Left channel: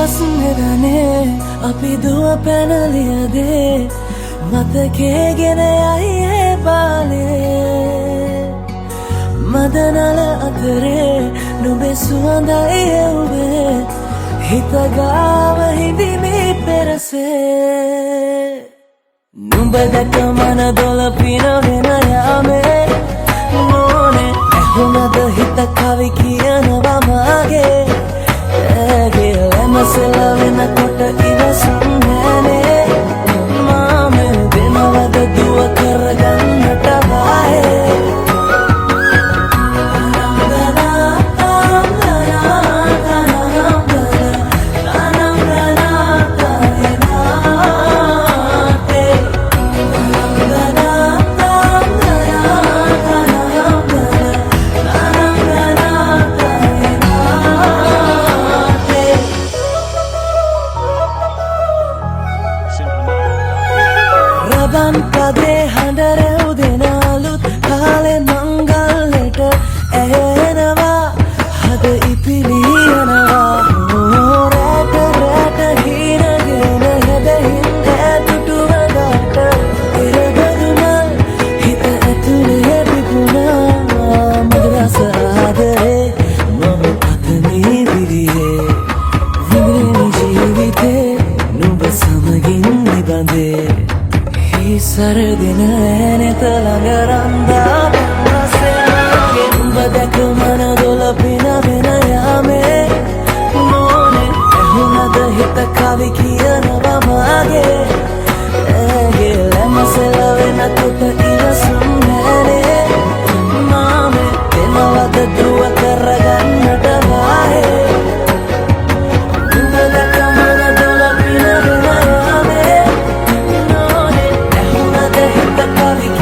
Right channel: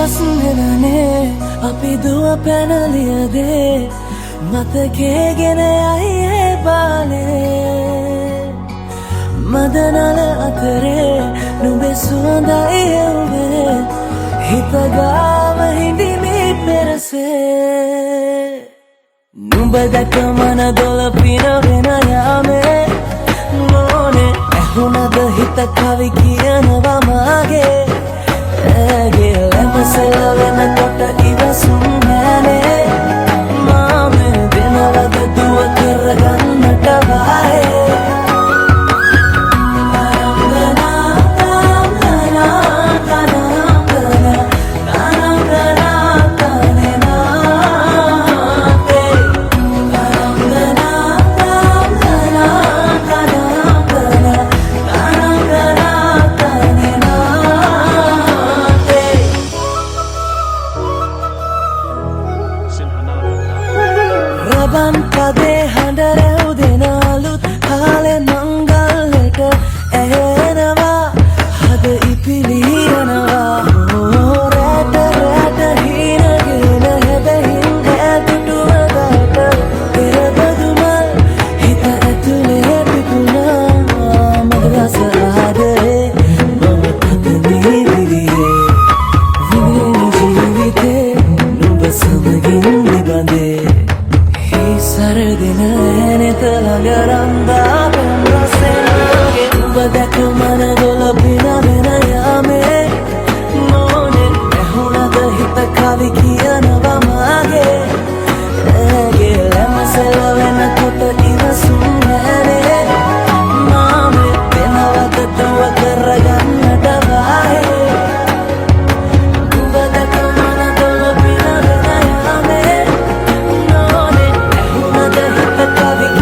ගස් නෙවනේ අපි දුව පැනලියදේ මතකේ ගෙන යයි ඒ බාලේ මදනල අතරේ නුඹේ සුවඳයි එව්වේ හිත ගාව හිඳිමි පෙරසේ නුඹ දැක මන දොළ පිනවෙන යාමේ නෝනේ ඇහුණද හිත කවි කියනවා මාගේ ඇගේ ලැමසෙල වෙනකොට ඉවසුම් නෑනේ මාමේ දෙනවද දුව කරගන්නට වායේ රබන් පදේ හඬ රැව් දෙනාලුත් කාලේ මංගල්ලට ඇහෙනවා හද ඉපිලියනවා රැට රැට හීනගෙන හැබැහින් ඇදුටුවදාට එරබදුමල් හිත ඇතුලේ පිපුණා මදරස ආදරේ මම පතමි විරියේ විඳින ජීවිතේ නුඹ සමගින් නිබඳේ සරදින ඇනෙත ළඟ රන්දා පෙම් රසෙනගේ නුඹ දැක මන දොළ පිනවෙන යාමේ නෝනේ ඇහුණද හිත කවි කියනවා මාගේ ඇගේ ලැමසෙල වෙනකොට ඉවසුම් නෑනේ මාමේ වෙනවද දුව කරගන්නට වායේ නුඹ දැක මන දොළ පිනවෙන යාමේ the coffee